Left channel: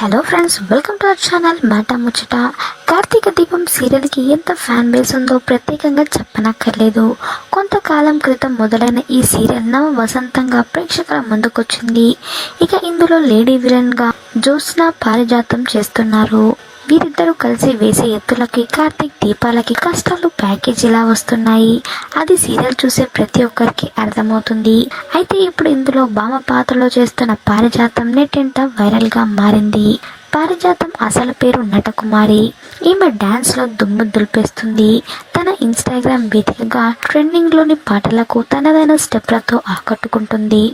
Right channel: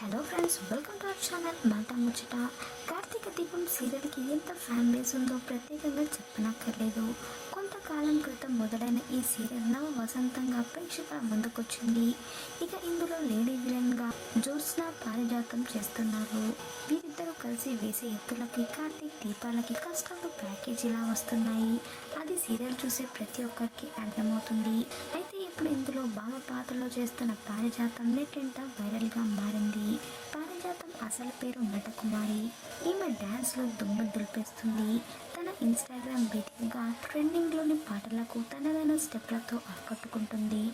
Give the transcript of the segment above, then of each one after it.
Hello friends welcome to our channel Maata Muchata Karthika దీపం సీరియల్కి ఎంత fan base ఉందో ప్రత్యేకంగా చెప్పనక్కర్లేదు. కొంతకాలం క్రితం మొదలైన ఈ సీరియల్ నవ వసంతంగా ప్రేక్షకుల ముందుకొచ్చింది. ఇక ఇందులో లేడీ విలన్గా జ్యోత్స్న పారిజాతం చేస్తున్నారు. వీరిద్దరూ కలిసి వేసే ఎత్తులకి కార్తీక్ దీపాలకి కష్టాలు ప్యాకేజీలా వస్తున్నాయి. అది సీరియల్ చూసే ప్రతి ఒక్కరికి అర్థమవుతుంది. అయితే ఇప్పుడు ఇందులో భామ పాత్రలో చేస్తున్న పారిజాతం నెట్టింట వైరల్గా మారింది. పారిజాతం అసలు పేరు నటకుమారి. ఈమె డ్యాన్స్లో దుమ్ము దులిపేస్తుంది. తన ఇన్స్టాగ్రామ్ వేదికగా ట్రెండింగ్లోని పాటలకు తనదైన స్టెప్లతో ఆకట్టుకుంటుంది.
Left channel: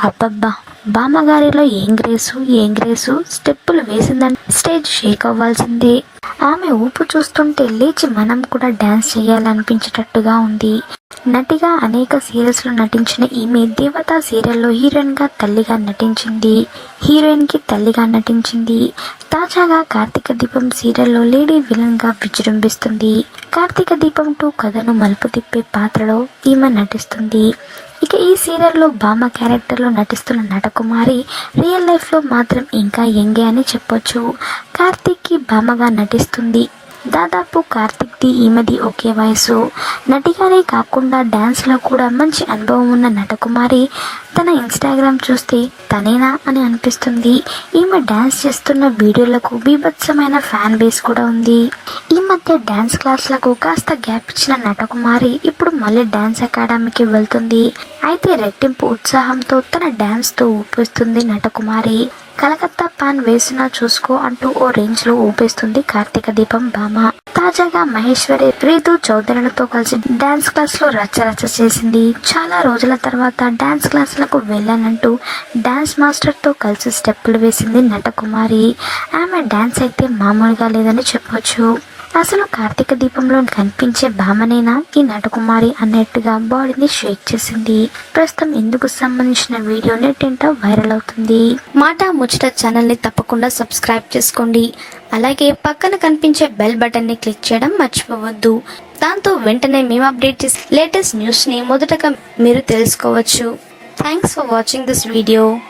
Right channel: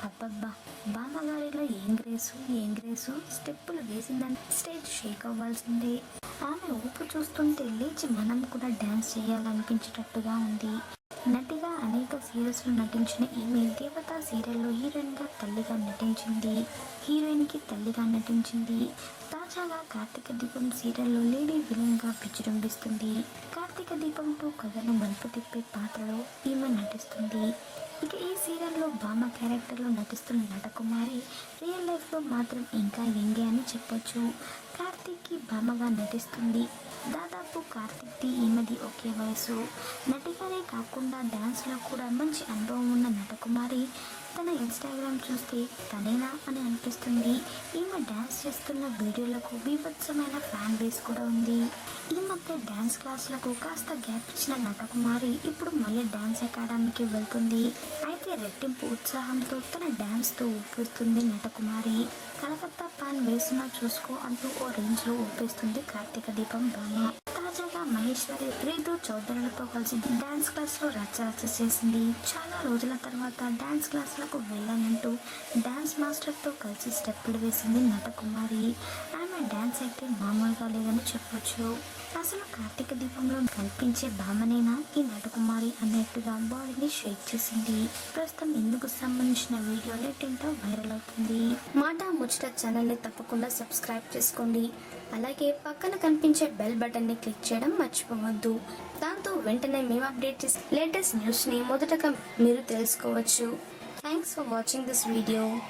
అబ్బబ్బా బామ్మగారిలో ఏం గ్రేసు ఏం గ్రేసు? స్టెప్పులు వేసిందని స్టేజ్ షేక్ అవ్వాల్సిందే. ఆమె ఊపు చూస్తుంటే లేచి మనం కూడా డ్యాన్స్ చేయాలనిపించేటట్టుగా ఉంది. నటిగా అనేక సీరియల్స్లో నటించిన ఈమె దేవత సీరియల్లో హీరోయిన్గా తల్లిగా నటించింది. హీరోయిన్కి తల్లిగా నటించింది. తాజాగా కార్తీక దీపం సీరియల్లో లేడీ విలన్గా విజృంభిస్తుంది. కార్తీక దీపం టూ కథను మలుపు తిప్పే పాత్రలో ఈమె నటిస్తుంది. ఇక ఈ సీరియల్లో బామ్మ క్యారెక్టర్లో నటిస్తున్న నటకుమారి రియల్ లైఫ్లో మాత్రం ఇంకా యంగే అని చెప్పొచ్చు. కార్తీక్కి బామ్మగా నటిస్తుంది. దాదాపు కార్తిక్ది ఈమెది ఒకే వయసు. నటిగానే కాకుండా డ్యాన్స్లో కూడా మంచి అనుభవం ఉన్న నటకుమారి. తన ఇన్స్టాగ్రామ్ చూస్తే తనేనా అని అనిపిస్తుంది. ఈమె డ్యాన్స్ చేస్తున్న వీడియోలకు బీభత్సమైన ఫ్యాన్ బేస్ కూడా ఉంది. ఈ మధ్య డ్యాన్స్ క్లాస్లకు కాస్త గ్యాప్ ఇచ్చిన నటకుమారి ఇప్పుడు మళ్ళీ డ్యాన్స్ అకాడమీకి వెళ్తుంది. అయితే రెట్టింపు ఉత్సాహంతో తన డ్యాన్స్తో ఊపిస్తుంది నటకుమారి. కలకత్తా పాన్ వేసినా చూసుకో అంటూ ఓ రేంజ్లో ఊపేస్తుంది కార్తీక దీపం భామ. తాజాగా మహేశ్వరి రీతు చౌదరులతో కలిసి డాన్స్ క్లాస్లో రచ్చరచ్చ చేసింది. చాలా రోజుల తర్వాత డాన్స్ క్లాసులకు వెళ్ళానంటూ డాన్స్ మాస్టర్తో కలిసి స్టెప్పులు వేసింది నటకుమారి. ఆమె డాన్స్ అయితే మామూలుగా లేదని చెప్పొచ్చు. అసలు కార్తీక దీపంలో కనిపించే భామనేనా? ఈ నటకుమారి అన్నట్టుగా బాడీని షేక్ చేసింది. ప్రస్తుతం ఇందుకు సంబంధించిన వీడియో నెట్టింట వైరల్ అవుతుంది. మాట ముచ్చట ఛానల్ని తప్పకుండా సబ్స్క్రైబ్ చేసుకోండి. అలాగే పక్కన కనిపించే బెల్ బటన్ని క్లిక్ చేయడం మర్చిపోవద్దు. దాంతో వెంటనే మేము అప్డేట్ చేసే లేటెస్ట్ న్యూస్ని మొదటగా మీరు తెలుసుకోవచ్చు. Thanks for watching this video